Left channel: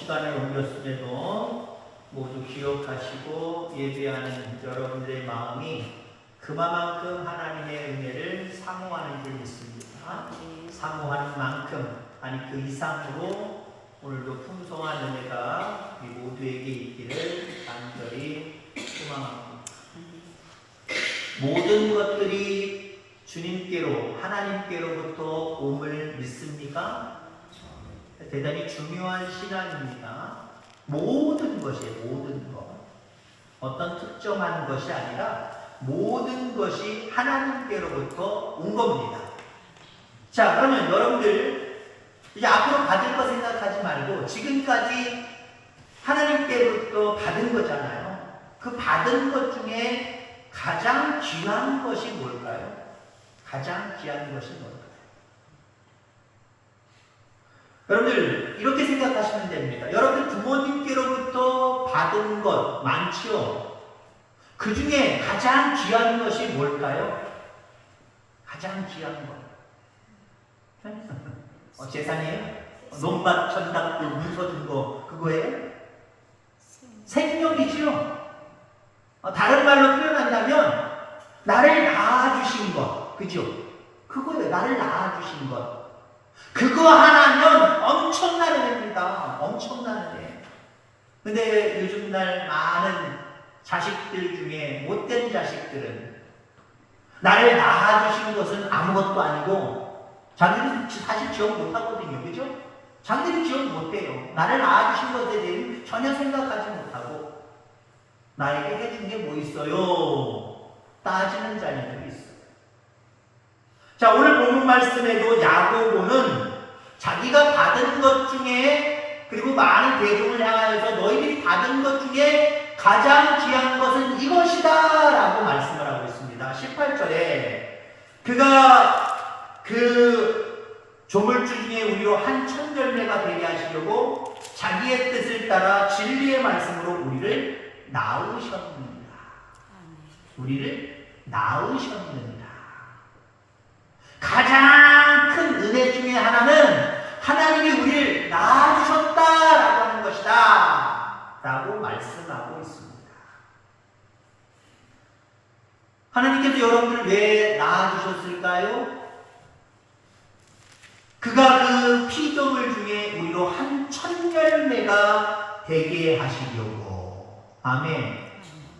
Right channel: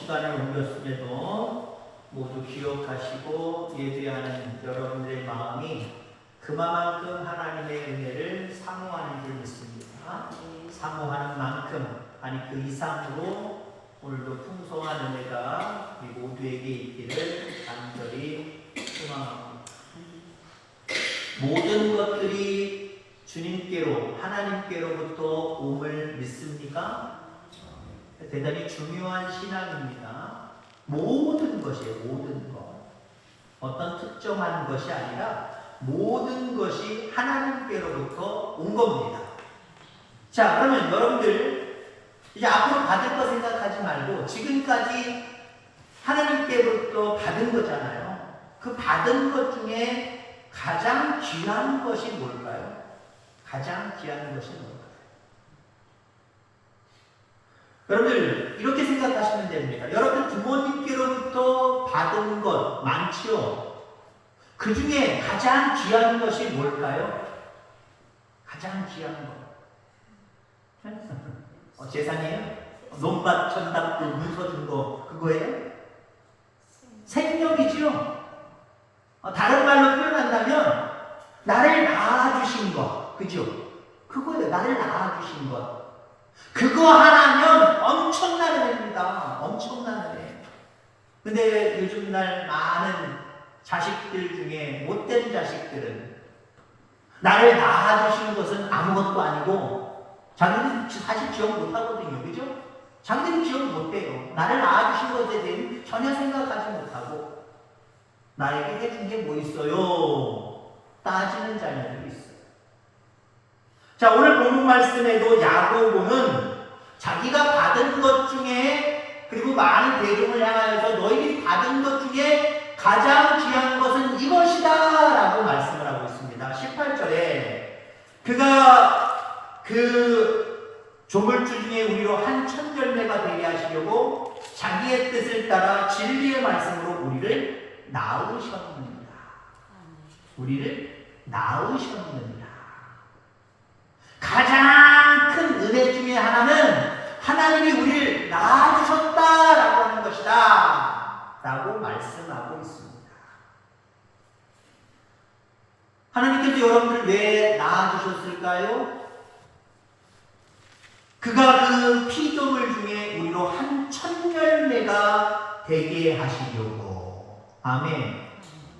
시간을 옮겼음에도 모두 기억하시고 예배하는 여러분들의 마음이 그만큼 하나님의 은혜를 사모하는 줄 믿습니다. 사모하는 만큼, 아니 그 이상으로 오늘도 풍성한 은혜가 우리 모두에게 있기를 간절히 소망합니다. 모든 것들이 주님께로, 하나님께로부터 옴을 믿습니까? 대단히 중요한 신앙입니다. 모든 것이에요. 모든 것. 어떤 특정한 것이 아니라 모든 것이 하나님께로부터 온 겁니다. 자, 그러면 여러분들 이제 앞으로 받을 거 생각하지 말고 지금까지 하나님께로부터 받은 거잖아요. 그 받은 것 중에 가장 귀한 것이 뭘까요? 가장 귀한 것이 뭘까요? 여러분들 이렇게 생각하시면 됩니다. 여러분들 부모님께로부터 받은 것 많지요? 그 중에 가장 귀한 것이 뭘까요? 가장 귀한 것. 재산이에요? 논밭, 전답들, 문서 준 거, 그거예요? 생명이지요? 다른 말로 표현한다면, 나를 낳아주신 것. 그죠? 그거예요. 나를 낳아주신 것. 그거 하나면 엄청난 은혜입니다. 엄청난 은혜. 근데 요즘 날 많은 자식들 중에 못된 자식들은 나를 낳아주신 것은 아무것도 아니고 자기는 사실 기억 못하거든요. 그죠? 자기는 기억 못해요. 나를 낳아주신 것에 대해 전혀 생각하지 못하고 나에게 해준 게 뭐 있어요? 따지는 자녀들이 있어요. 자, 오늘 본문 말씀에도 야고보는 자기가 받은 것 중에, 그리고 많은 대중을 향하여서 너희들이 받은 것 중에 가장 귀한 것은 이것이다 라고 말씀을 하고 있습니다. 18절에 그가 그 조물주 중에 우리로 한 천열매가 되게 하시려고 자기의 뜻을 따라 진리의 말씀으로 우리를 낳으셨느니라. 우리를 낳으셨느니라. 가장 큰 은혜 중에 하나는 하나님이 우리를 낳아주셨다라고 하는 것이다 라고 말씀하고 있습니다. 하나님께서 여러분들을 왜 낳아주셨을까요? 그가 그 피조물 중에 우리로 한 천열매가 되게 하시려고, 아멘.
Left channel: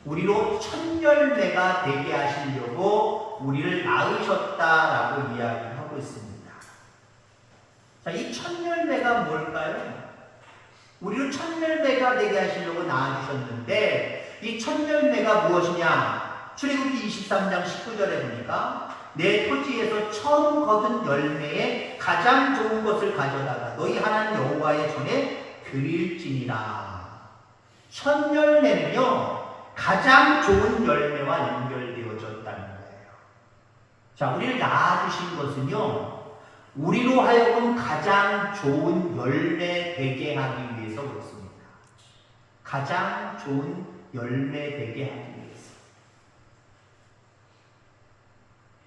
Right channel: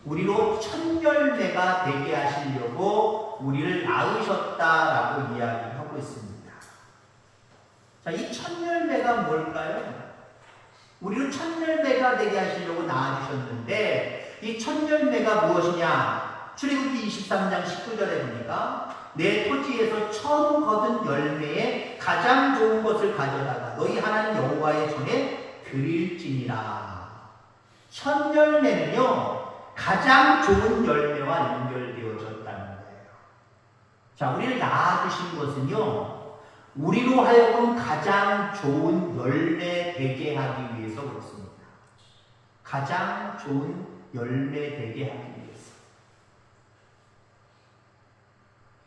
우리로 천열매가 되게 하시려고 우리를 낳으셨다라고 이야기하고 있습니다. 자, 이 천열매가 뭘까요? 우리를 천열매가 되게 하시려고 낳아주셨는데 이 천열매가 무엇이냐? 출애굽기 23장 19절에 보니까 내 토지에서 처음 거둔 열매에 가장 좋은 것을 가져다가 너희 하나님 여호와의 전에 드릴지니라. 천열매는요 가장 좋은 열매와 연결되어졌다는 거예요. 자, 우리를 낳아주신 것은요 우리로 하여금 가장 좋은 열매 되게 하기 위해서 그렇습니다. 가장 좋은 열매 되게 하기 위해서.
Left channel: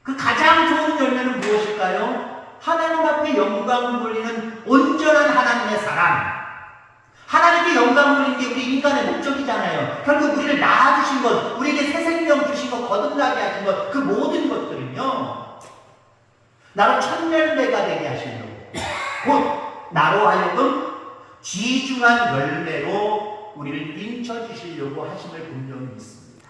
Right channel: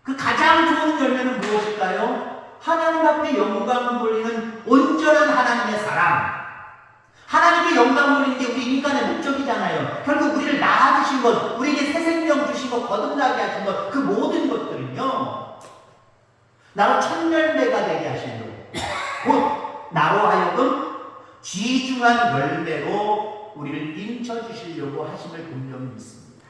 그 가장 좋은 열매는 무엇일까요? 하나님 앞에 영광을 돌리는 온전한 하나님의 사랑. 하나님께 영광 돌리는 게 우리 인간의 목적이잖아요. 결국 우리를 낳아주신 것, 우리에게 새 생명 주신 것, 거듭나게 하신 것, 그 모든 것들은요 나로 천열매가 되게 하시려고, 곧 나로 하여금 귀중한 열매로 우리를 인쳐주시려고 하심을 분명히 믿습니다.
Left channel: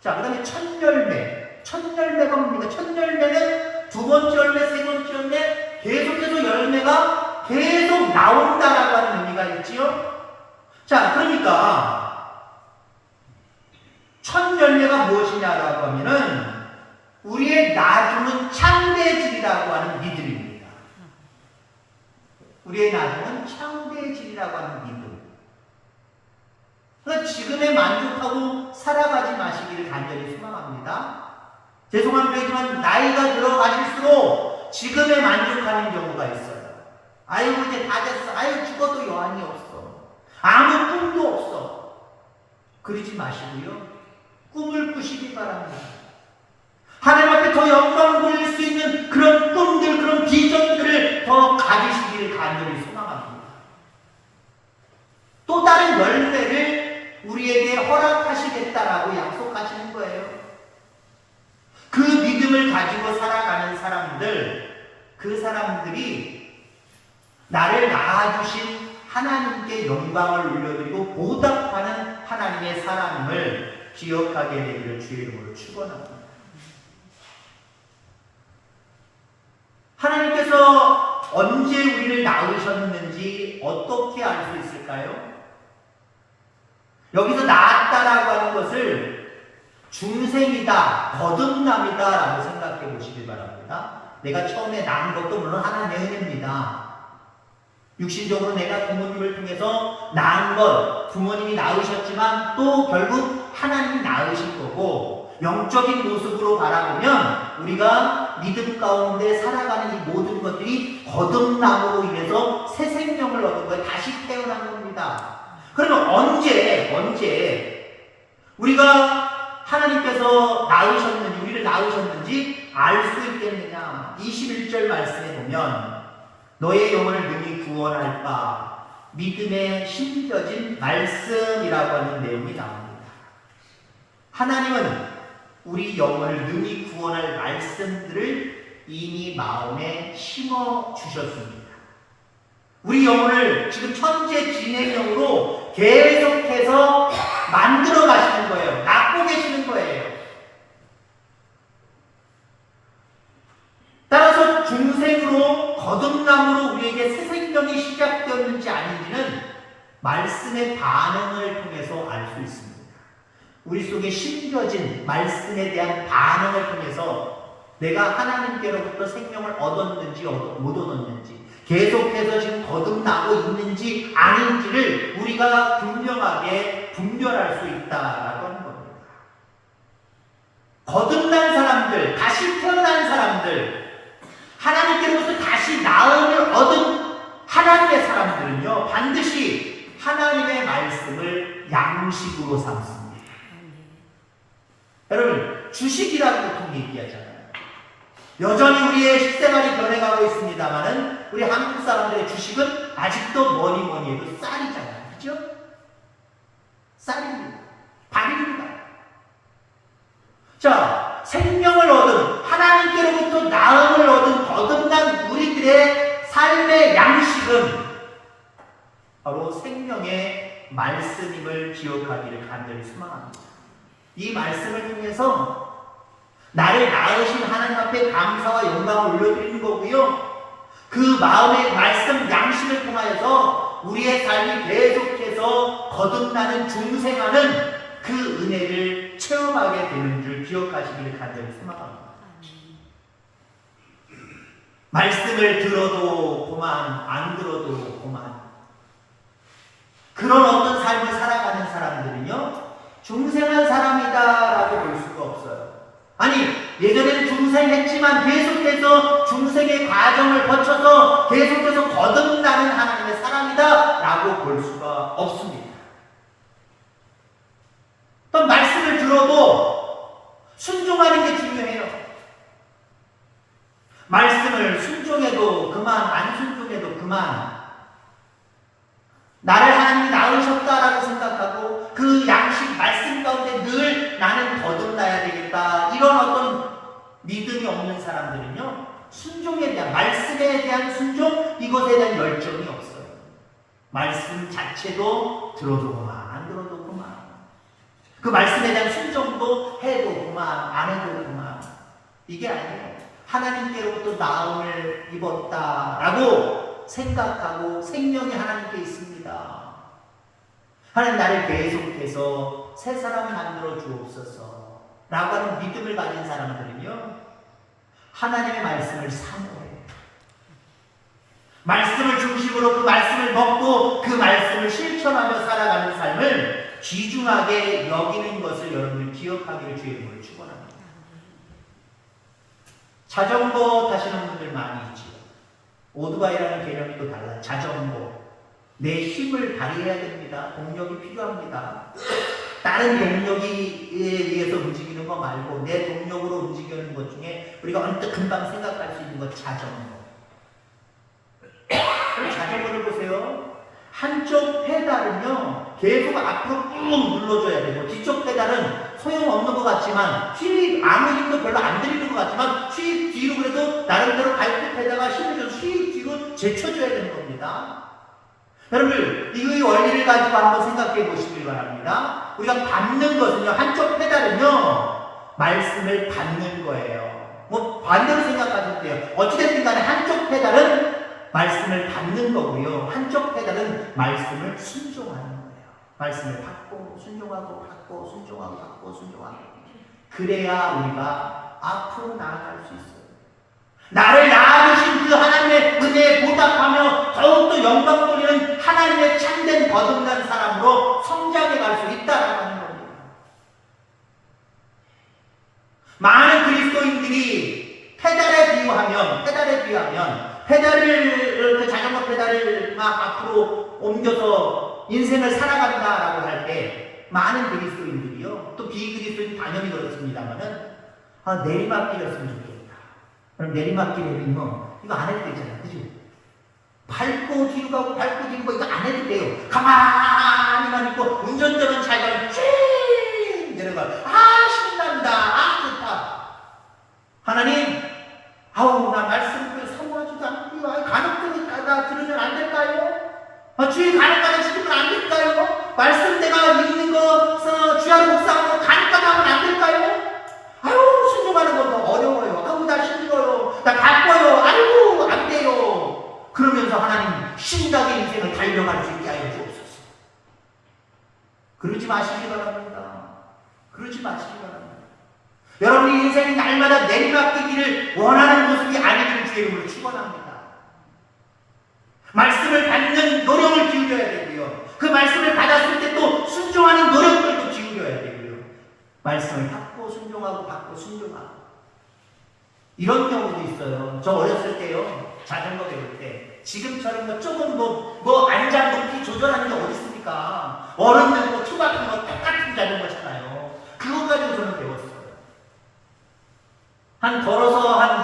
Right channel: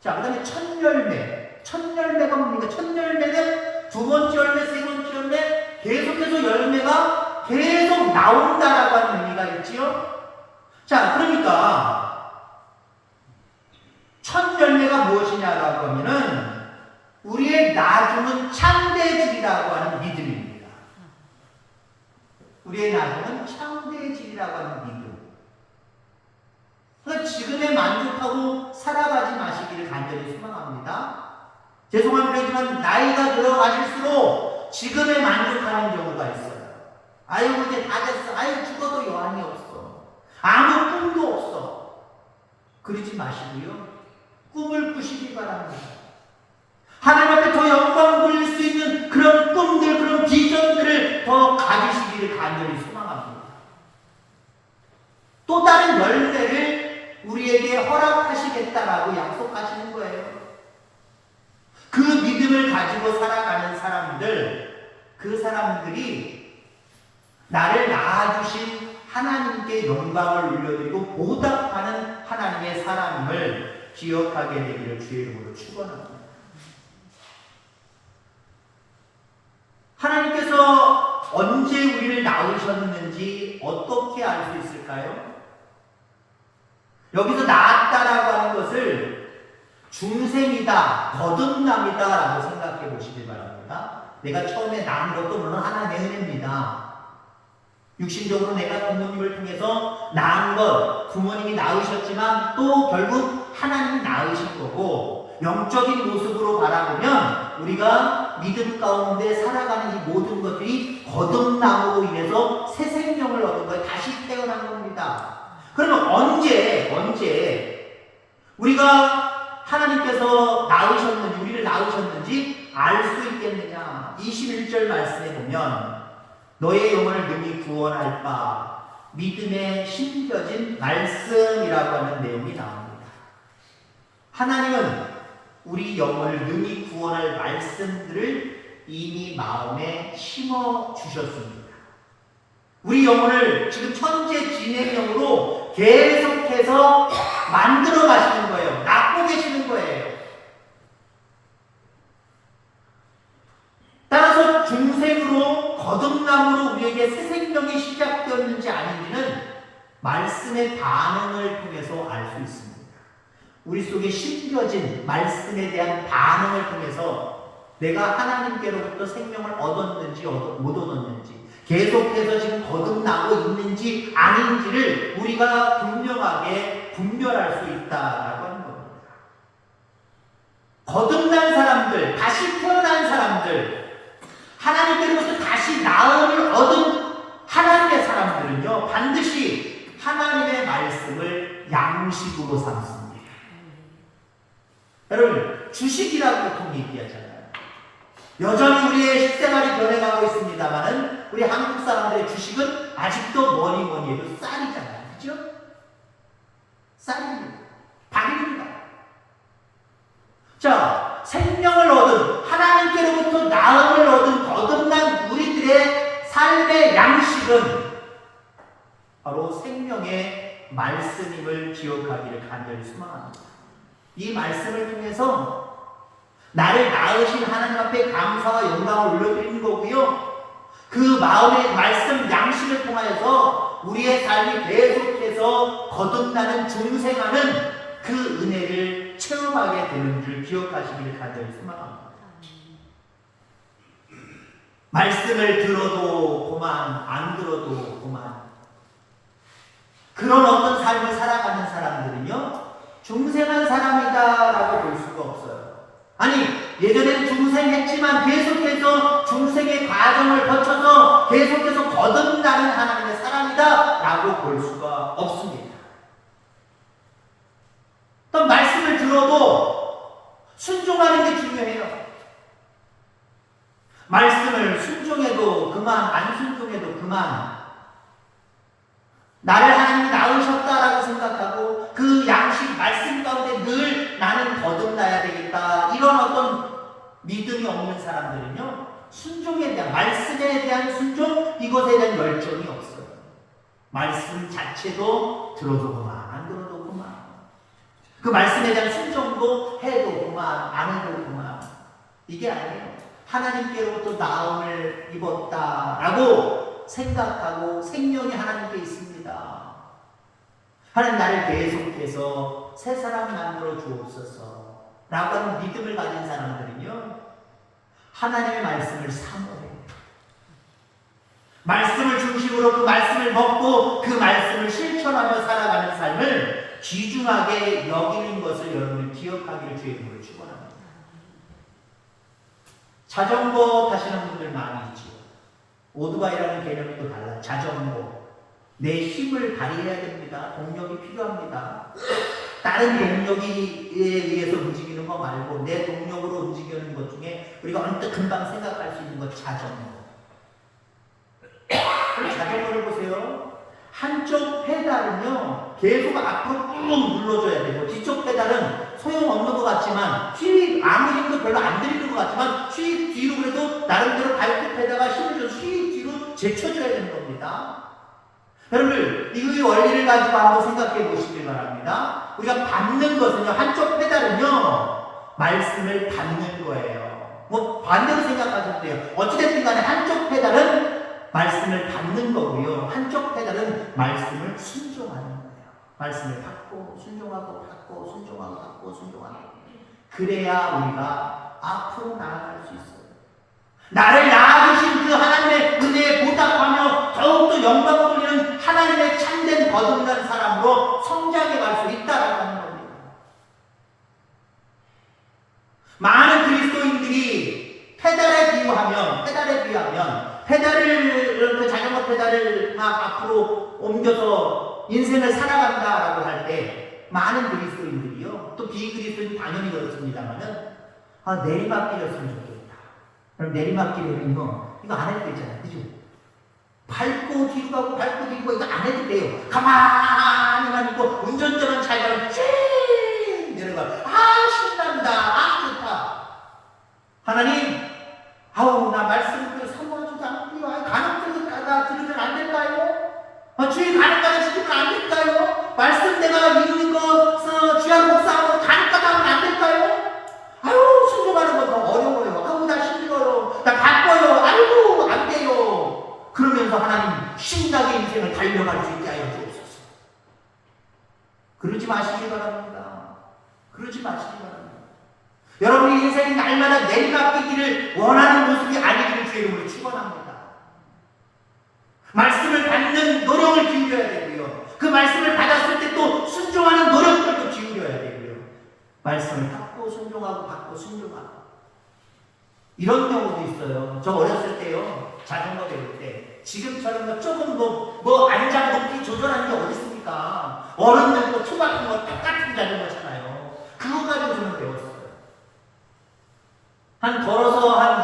자, 그 다음에 천열매. 천열매가 뭡니까? 천열매는 두 번째 열매, 세 번째 열매, 계속해서 열매가 계속 나온다라고 하는 의미가 있지요? 자, 그러니까 천열매가 무엇이냐라고 하면은 우리의 나중은 창대질이라고 하는 믿음입니다. 우리의 나중은 창대질이라고 하는 믿음. 그래서 지금에 만족하고 살아가지 마시기를 간절히 소망합니다. 죄송한 표현이지만 나이가 들어가실수록 지금에 만족하는 경우가 있어요. 아이고 이제 다 됐어. 아이고 죽어도 여한이 없어. 아무 꿈도 없어. 그러지 마시고요. 꿈을 꾸시기 바랍니다. 하나님 앞에 더 영광을 돌릴 수 있는 그런 꿈들, 그런 비전들을 더 가지시기를 간절히 소망합니다. 또 다른 열매를 우리에게 허락하시겠다라고 약속하시는 거예요. 그 믿음을 가지고 살아가는 사람들, 그 사람들이 나를 낳아주신 하나님께 영광을 올려드리고 보답하는 하나님의 사람을 기억하게 되기를 주의 이름으로 축원합니다. 하나님께서 언제 우리를 낳으셨는지 어떻게 알 수 있을까요? 여기서 낳았다라고 하는 것을 중생이다, 거듭남이다 라고 생각해 보시기 바랍니다. 내가 처음에 낳은 것도 물론 하나님의 은혜입니다. 육신적으로 내가 부모님을 통해서 낳은 것, 부모님이 낳으셨지만 또 결국 하나님이 낳으신 거고, 영적인 모습으로 바라보면 우리가 믿음 가운데 살아가는 이 모든 것들이 거듭남으로 인해서 새 생명을 얻은 거예요. 다시 태어난 겁니다. 그러면 언제 우리가 하나님께서 낳으셨는지, 우리를 낳으셨는지 알 수 있겠느냐? 21절 말씀에 보면 너의 영혼을 능히 구원할까 믿음에 심겨진 말씀이라고 하는 내용이 나옵니다. 하나님은 우리 영혼을 능히 구원할 말씀들을 이미 마음에 심어 주셨습니다. 우리 영혼을 지금 천재 진행형으로 계속해서 만들어 가시는 거예요. 낳고 계시는 거예요. 따라서 중생으로 거듭남으로 우리에게 새 생명이 시작되었는지 아닌지는 말씀의 반응을 통해서 알 수 있습니다. 우리 속에 심겨진 말씀에 대한 반응을 통해서 내가 하나님께로부터 생명을 얻었는지 못 얻었는지, 계속해서 지금 거듭나고 있는지 아닌지를 우리가 분별할 수 있다라고 하는 겁니다. 거듭난 사람들, 다시 태어난 사람들, 하나님께로부터 다시 나음을 얻은 하나님의 사람들은요, 반드시 하나님의 말씀을 양식으로 삼습니다. 여러분, 주식이라고 보통 얘기하잖아요. 여전히 우리의 식생활이 변해가고 있습니다만은 우리 한국 사람들의 주식은 아직도 뭐니 해도 쌀이잖아요. 그죠? 쌀입니다. 밥입니다. 자, 생명을 얻은, 하나님께로부터 나음을 얻은 거듭난 우리들의 삶의 양식은 바로 생명의 말씀임을 기억하기를 간절히 소망합니다. 이 말씀을 통해서 나를 낳으신 하나님 앞에 감사와 영광을 올려드리는 거고요. 그 마음의 말씀 양식을 통하여서 우리의 삶이 계속해서 거듭나는 중생하는 그 은혜를 체험하게 되는 줄 기억하시기를 간절히 소망합니다. 말씀을 들어도 고만, 안 들어도 고만. 그런 어떤 삶을 살아가는 사람들은요, 중생한 사람이다라고 볼 수가 없어요. 아니, 예전에는 중생했지만 계속해서 중생의 과정을 거쳐서 계속해서 거듭나는 하나님의 사람이다라고 볼 수가 없습니다. 또 말씀을 들어도 순종하는 게 중요해요. 말씀을 순종해도 그만, 안 순종해도 그만. 나를 하나님이 낳으셨다라고 생각하고 그 양식 말씀 가운데 늘 나는 거듭나야 되겠다, 이런 어떤 믿음이 없는 사람들은요, 순종에 대한, 말씀에 대한 순종, 이것에 대한 열정이 없어요. 말씀 자체도 들어도 그만, 안 들어도 그만. 그 말씀에 대한 순종도 해도 그만, 안 해도 그만. 이게 아니에요. 하나님께로부터 나음을 입었다라고 생각하고 생명이 하나님께 있습니다. 하나님, 나를 계속해서 새 사람 만들어 주옵소서 라고 하는 믿음을 가진 사람들은요, 하나님의 말씀을 사모해요. 말씀을 중심으로 그 말씀을 먹고 그 말씀을 실천하며 살아가는 삶을 귀중하게 여기는 것을 여러분들 기억하기를 주의 이름으로 축원합니다. 자전거 타시는 분들 많이 있죠. 오토바이라는 개념이 또 달라요. 자전거. 내 힘을 발휘해야 됩니다. 동력이 필요합니다. 다른 동력에 의해서 움직이는 거 말고 내 동력으로 움직이는 것 중에 우리가 언뜻 금방 생각할 수 있는 것, 자전거. 자전거를 보세요. 한쪽 페달은요 계속 앞으로 꾹 눌러줘야 되고, 뒤쪽 페달은 소용없는 것 같지만 휘 아무 힘도 별로 안 들이는 것 같지만 휘 뒤로 그래도 나름대로 발끝에다가 힘을 줘서 휘 뒤로 제쳐줘야 되는 겁니다. 여러분들 이 원리를 가지고 한번 생각해 보시길 바랍니다. 우리가 받는 것은요, 한쪽 페달은요 말씀을 받는 거예요. 뭐 반대로 생각하셔도 돼요. 어찌됐든 간에 한쪽 페달은 말씀을 받는 거고요, 한쪽 페달은 말씀을 순종하는 거예요. 말씀을 받고 순종하고 받고 순종하고 받고 순종하고, 그래야 우리가 앞으로 나아갈 수 있어요. 나를 낳아주신 그 하나님의 은혜에 보답하며 더욱더 영광 돌리는 하나님의 참된 거듭난 사람으로 성장해 갈 수 있다라고 하는 겁니다. 많은 그리스도인들이 페달에 비유하면 페달을 그 자전거 페달을 막 앞으로 옮겨서 인생을 살아간다라고 할 때 많은 그리스도인들이요, 또 비그리스도인 당연히 그렇습니다만은 내리막길이었으면 좋겠다. 그럼 내리막길 해보면 이거 안 해도 되잖아요, 그죠? 밟고 뒤로 가고 밟고 뒤로 가고 이거 안 해도 돼요. 가만히만 있고 운전자는 잘 가면 쭉 이런 거, 신난다, 좋다. 하나님, 나 말씀 사모하지도 않고요. 간혹 나 들으면 안 될까요? 주일 간혹가다 지키면 안 될까요? 말씀 내가 이루는 거 주야로 묵상하고 간혹가다 하면 안 될까요? 순종하는 건 더 어려워요. 나 힘들어요. 나 바빠요. 안 돼요. 그러면서 하나님 신나게 인생을 달려갈 수 있게 하여 주옵소서. 그러지 마시기 바랍니다. 그러지 마시기 바랍니다. 여러분의 인생이 날마다 내리막기기를 원하는 모습이 아니기를 주의 이름으로 축원합니다. 말씀을 받는 노력을 기울여야 되고요, 그 말씀을 받았을 때 또 순종하는 노력들도 기울여야 되고요, 말씀을 받고 순종하고 받고 순종하고. 이런 경우도 있어요. 저 어렸을 때요, 자전거 배울 때 지금처럼 조금 안장 높이 조절하는 게 어디 있습니까? 어른들 투 같은 거 똑같은 자전거잖아요. 그거 가지고 저는 배웠어요. 걸어서 한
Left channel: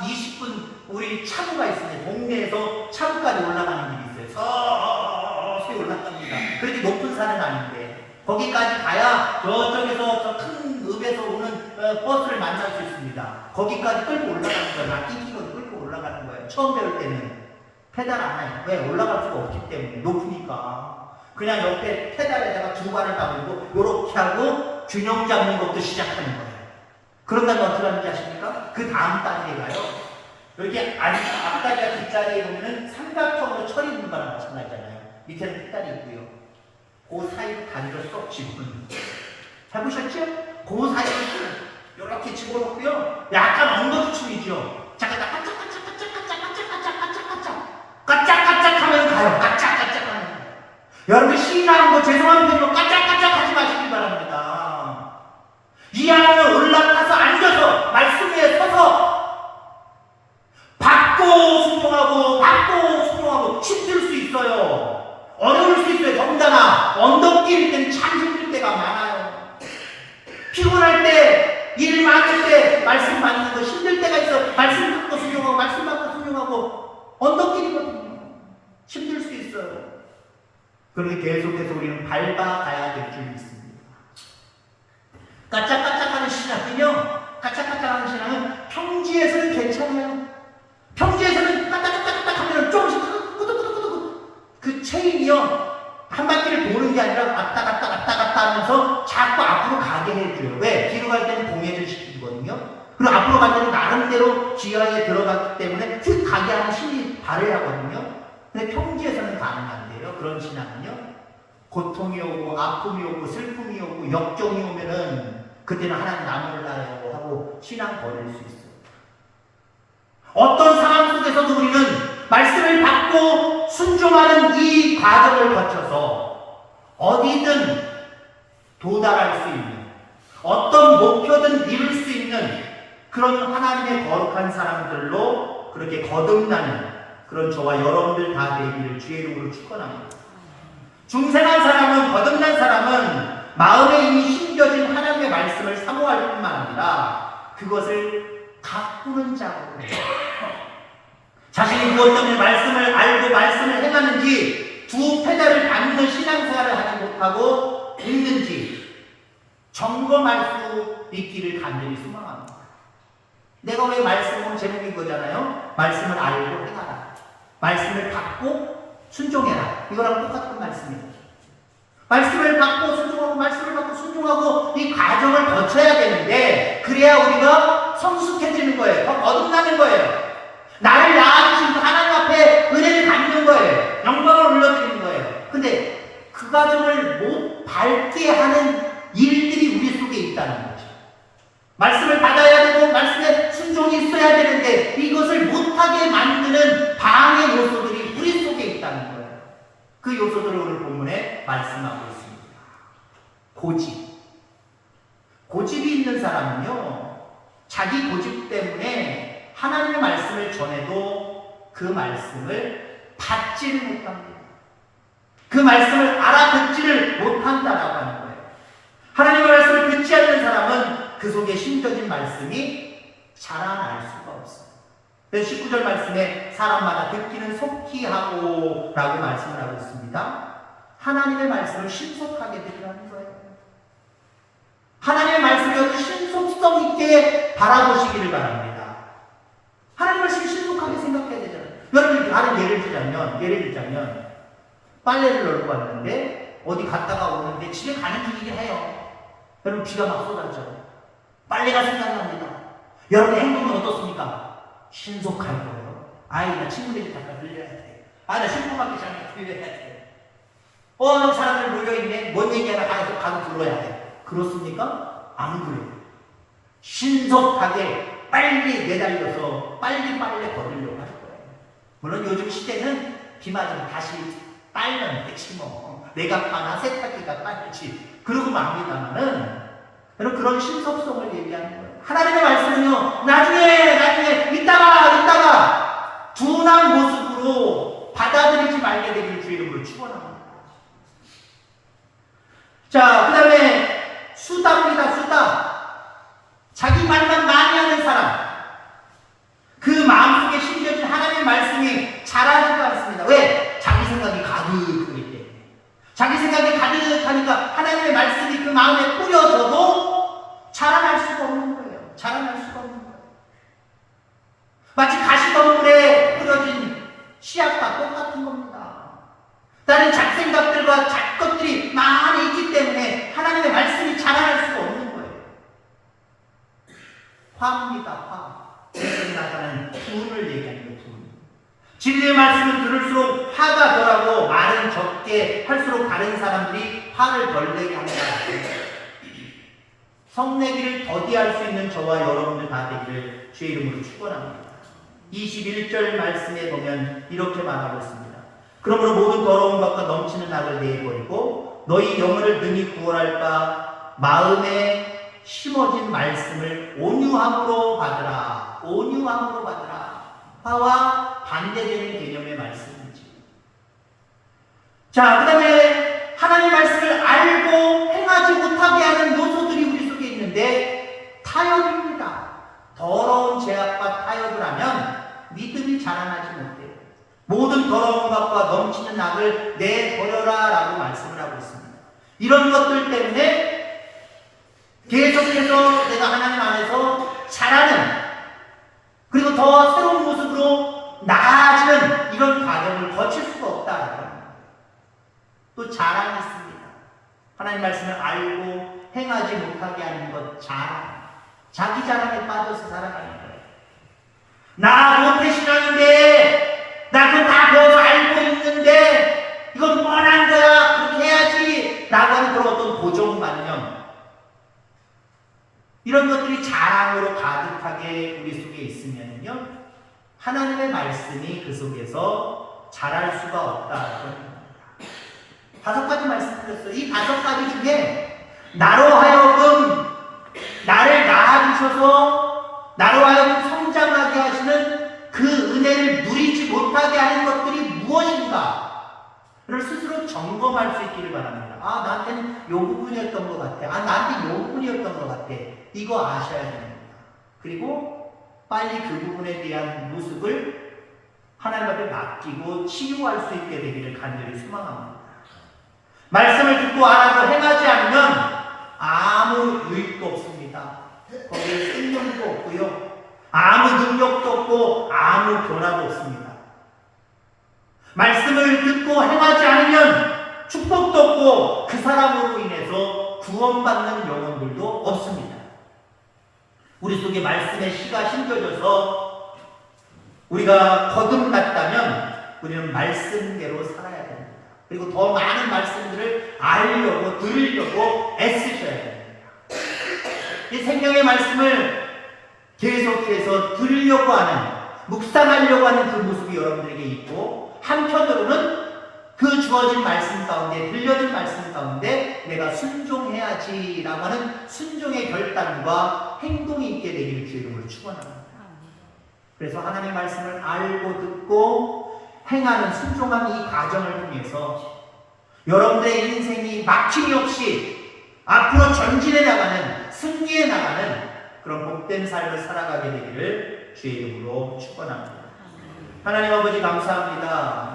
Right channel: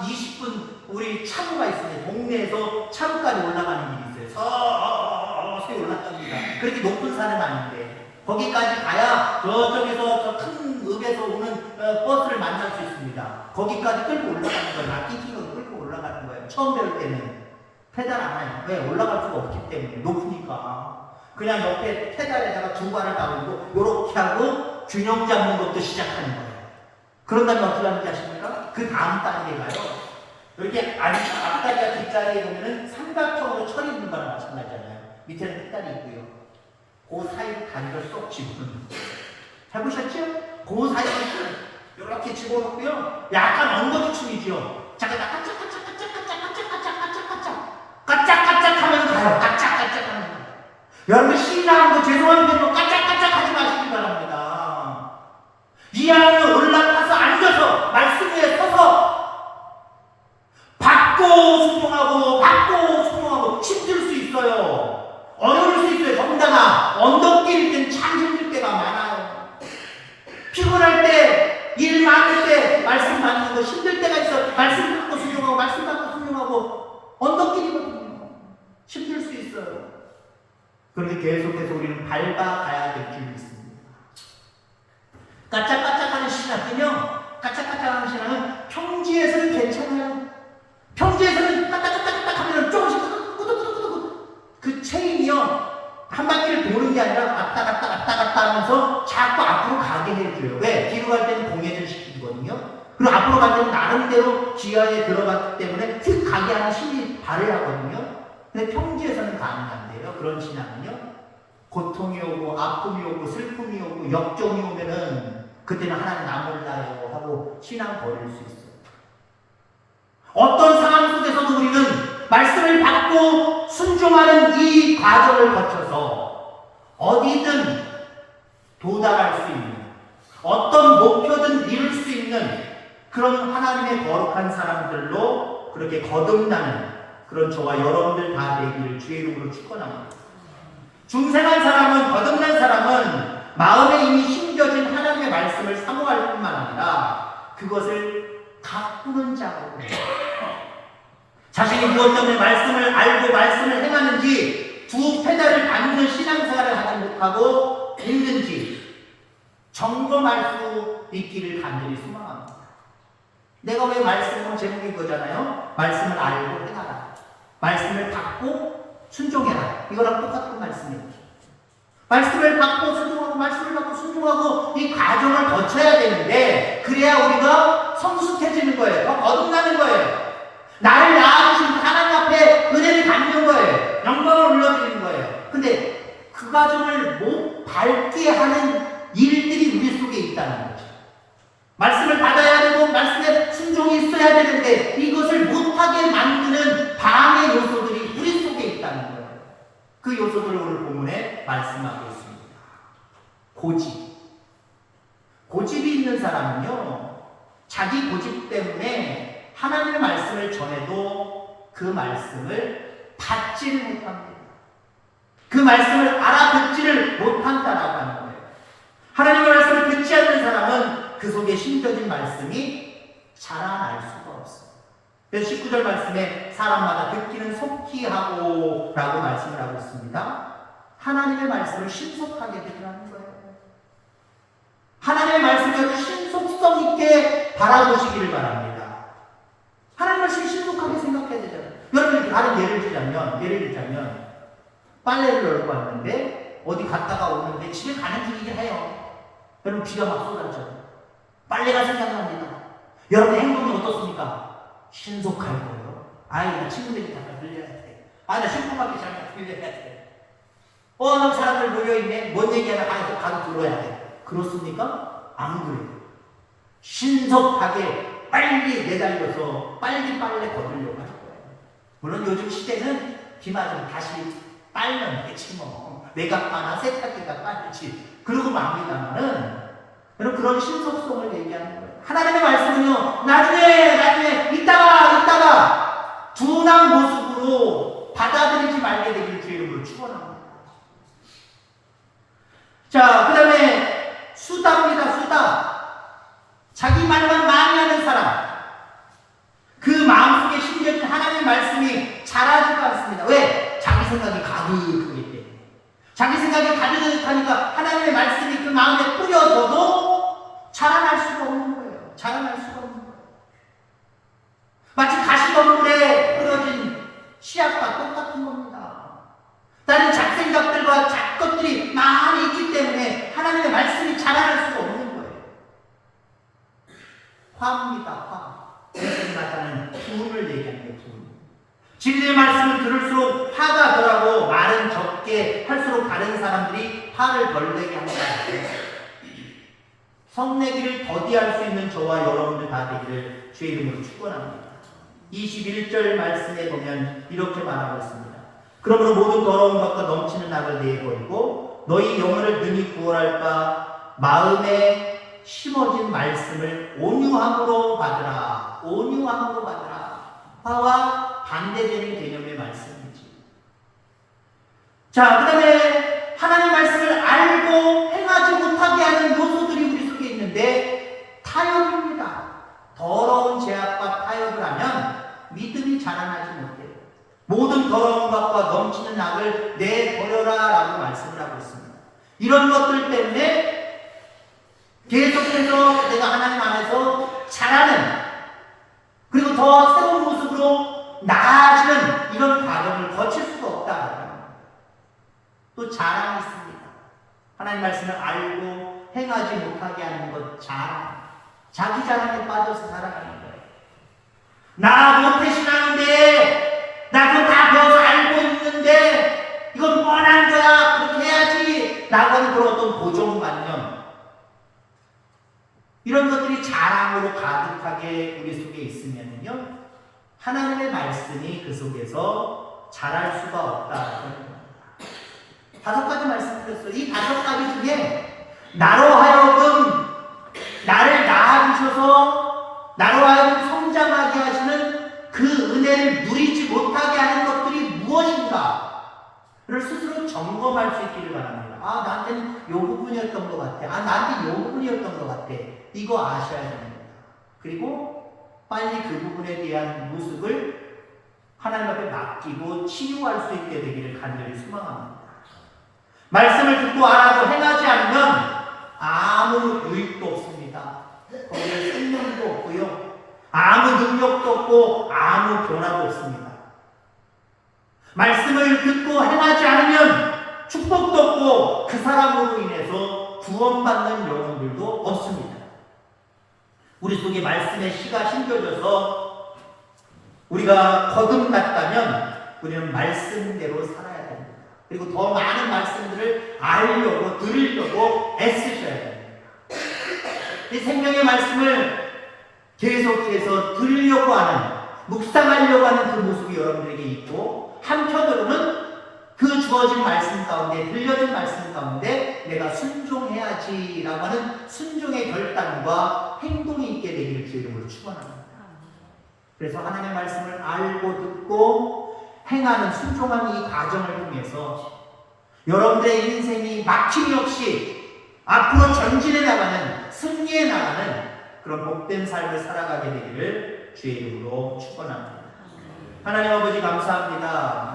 20분 우리 차구가 있습니다. 동네에서 차구까지 올라가는 길이 있어요. 서서히 올라갑니다. 그렇게 높은 산은 아닌데 거기까지 가야 저쪽에서 저 큰 읍에서 오는 버스를 만날 수 있습니다. 거기까지 끌고 올라가는 거예요. 락기기로 끌고 올라가는 거예요. 처음 배울 때는 페달 안 해요. 왜? 올라갈 수가 없기 때문에, 높으니까. 그냥 옆에 페달에다가 두 발을 담고 요렇게 하고 균형 잡는 것도 시작하는 거예요. 그런 다음에 어떻게 하는지 아십니까? 그 다음 단계에 가요. 이렇게 앞다리가 뒷자리에 보면은 삼각형으로 처리 있는 거랑 마찬가지잖아요. 밑에는 페달이 있고요. 그 사이 다리를 쏙 집어넣는 거예요. 잘 보셨죠? 그 사이를 이렇게 집어넣고요. 약간 엉덩이춤이죠. 까짝까짝 하면 가요. 까짝까짝 하면. 여러분 신나는 거 죄송한 대로 까짝까짝 하지 마시기 바랍니다. 이 안에 올라가서 앉아서 말씀 위에 서서 받고 순종하고 힘들 수 있어요. 어려울 수 있어요. 더군다나 언덕길일 때는 참 힘들 때가 많아요. 피곤할 때, 일 많을 때 말씀 받는 거 힘들 때가 있어. 말씀 받고 순종하고 말씀 받고 순종하고 언덕길이거든요. 힘들 수 있어요. 그런데 계속해서 우리는 밟아가야 될 줄이 있습니다. 까짝까짝하는 까짝까짝하는 신앙은 평지에서는 괜찮아요. 평지에서는 까딱까딱 하면 조금씩 꾸덕꾸덕꾸덕 그 체인이요, 한 바퀴를 도는 게 아니라 왔다 갔다 하면서 자꾸 앞으로 가게 해줘요. 왜? 뒤로 갈 때는 공연을 시키거든요. 그리고 앞으로 갈 때는 나름대로 기아에 들어갔기 때문에 휙 가게 하는 심리 발휘하거든요. 근데 평지에서는 가능한데요, 그런 신앙은요, 고통이 오고 아픔이 오고 슬픔이 오고 역종이 오면은 그때는 하나님 나 몰라요 하고 신앙 버릴 수 있어요. 어떤 상황 속에서도 우리는 말씀을 받고 순종하는 이 과정을 거쳐서 어디든 도달할 수 있는, 어떤 목표든 이룰 수 있는 그런 하나님의 거룩한 사람들로 그렇게 거듭나는 그런 저와 여러분들 다 되기를 주의 이름으로 축원합니다. 중생한 사람은, 거듭난 사람은 마음에 이미 심겨진 하나님의 말씀을 사모할 뿐만 아니라 그것을 가꾸는 자로 자신이 무엇 때문에 말씀을 알고 말씀을 행하는지 두 페달을 밟는 신앙생활을 하지 못하고 있는지 점검할 수 있기를 간절히 소망합니다. 내가 왜 말씀을 제목인 거잖아요. 말씀을 알고 행하라. 말씀을 받고 순종해라. 이거랑 똑같은 말씀이에요. 말씀을 받고 순종하고 말씀을 받고 순종하고 이 과정을 거쳐야 되는데 그래야 우리가 성숙해지는 거예요. 더 거듭나는 거예요. 나를 낳아주신 하나님 앞에 은혜를 갖는 거예요. 영광을 올려드리는 거예요. 근데 그 과정을 못 밟게 하는 일들이 우리 속에 있다는 거죠. 말씀을 받아야 되고 말씀에 순종이 있어야 되는데 이것을 못하게 만드는 방해 요소들이 우리 속에 있다는 거예요. 그 요소들을 오늘 본문에 말씀하고 있습니다. 고집이 있는 사람은요, 자기 고집 때문에 하나님의 말씀을 전해도 그 말씀을 받지를 못합니다. 그 말씀을 알아듣지를 못한다라고 하는 거예요. 하나님의 말씀을 듣지 않는 사람은 그 속에 심겨진 말씀이 자라날 수가 없어요. 그래서 19절 말씀에 사람마다 듣기는 속히 하고 라고 말씀을 하고 있습니다. 하나님의 말씀을 신속하게 듣으라는 거예요. 하나님의 말씀을 신속성 있게 바라보시기를 바랍니다. 하나님의 말씀을 신속하게 생각해야 되잖아요. 여러분 다른 예를 들자면 빨래를 널고 왔는데 어디 갔다가 오는데 집에 가는 중이긴 해요. 여러분 비가 막 쏟아져요. 빨래가 생각납니다. 여러분 행동이 어떻습니까? 신속할 거예요. 나 친구들 집 갔다 들려야 돼. 나 슈퍼마켓 잠깐 들려야 돼. 사람들 모여있네. 뭔 얘기하나 가서 들어야 돼. 그렇습니까? 안 그래요. 신속하게 빨리 내달려서 빨리 빨래 거두려고 할 거예요. 물론 요즘 시대는 비 맞으면 다시 빨면 되지 뭐. 내가 빠나 세탁기가 빨지. 그러고 맙니다만은 그런 신속성을 얘기하는 거예요. 하나님의 말씀은요, 나중에 이따가 둔한 모습으로 받아들이지 말게 되기를 주의 이름으로 축원합니다. 자, 그 다음에 수다입니다. 수다. 자기 말만 많이 하는 사람. 그 마음속에 심겨진 하나님의 말씀이 자라지가 않습니다. 왜? 자기 생각이 가득하기 때문에. 자기 생각이 가득하니까 하나님의 말씀이 그 마음에 뿌려져도 자라날 수가 없는 거예요. 마치 가시덤불에 뿌려진 씨앗과 똑같은 겁니다. 다른 잡생각들과 잡것들이 많이 있기 때문에 하나님의 말씀이 자라날 수가 없는 거예요. 화입니다. 화. 그래서 나타나는 분을 얘기하는 거예요. 진리의 말씀을 들을수록 화가 덜하고 말은 적게 할수록 다른 사람들이 화를 덜 내게 합니다. 성내기를 더디할 수 있는 저와 여러분들 다 되기를 주의 이름으로 축원합니다. 21절 말씀에 보면 이렇게 말하고 있습니다. 그러므로 모든 더러운 것과 넘치는 악을 내버리고 너희 영혼을 능히 구원할까 마음에 심어진 말씀을 온유함으로 받으라. 화와 반대되는 개념의 말씀이지. 자, 그 다음에 하나님의 말씀을 알고 행하지 못하게 하는 요소들이 우리 속에 있는데 타협입니다. 더러운 죄악과 타협을 하면 믿음이 자라나지 못해요. 모든 더러운 것과 넘치는 악을 내버려라 라고 말씀을 하고 있습니다. 이런 것들 때문에 계속해서 내가 하나님 안에서 자라는 그리고 더 새로운 모습으로 나아지는 이런 과정을 거칠 수가 없다. 또 자랑이 있습니다. 하나님 말씀을 알고 행하지 못하게 하는 것 자랑. 자기 자랑에 빠져서 살아가는 거예요. 나 모태신앙인데 나 그거 다 배워서 알고 있는데 이건 뻔한 거야. 그렇게 해야지. 라고 하는 그런 어떤 고정관념. 이런 것들이 자랑으로 가득하게 우리 속에 있으면요, 하나님의 말씀이 그 속에서 자랄 수가 없다. 5가지 말씀드렸어요. 이 5가지 중에 나로 하여금 나를 낳아주셔서 나로 하여금 성장하게 하시는 그 은혜를 누리지 못하게 하는 것들이 무엇인가를 스스로 점검할 수 있기를 바랍니다. 나한테는 요 부분이었던 것 같아. 나한테 요 부분이었던 것 같아. 이거 아셔야 됩니다. 그리고 빨리 그 부분에 대한 모습을 하나님 앞에 맡기고 치유할 수 있게 되기를 간절히 소망합니다. 말씀을 듣고 알아도 행하지 않으면 아무 유익도 없습니다. 거기에 생명도 없고요. 아무 능력도 없고 아무 변화도 없습니다. 말씀을 듣고 행하지 않으면 축복도 없고 그 사람으로 인해서 구원받는 영혼들도 없습니다. 우리 속에 말씀의 씨가 심겨져서 우리가 거듭났다면 우리는 말씀대로 살아야 됩니다. 그리고 더 많은 말씀들을 알려고 들으려고 애쓰셔야 됩니다. 이 생명의 말씀을 계속해서 들으려고 하는, 묵상하려고 하는 그 모습이 여러분들에게 있고, 한편으로는 그 주어진 말씀 가운데, 들려진 말씀 가운데 내가 순종해야지라고 하는 순종의 결단과 행동이 있게 되기를 주의 이름으로 축원합니다. 그래서 하나님의 말씀을 알고 듣고 행하는 순종한 이 과정을 통해서 여러분들의 인생이 막힘이 없이 앞으로 전진해 나가는, 승리해 나가는 그런 복된 삶을 살아가게 되기를 주의 이름으로 축원합니다. 하나님 아버지 감사합니다.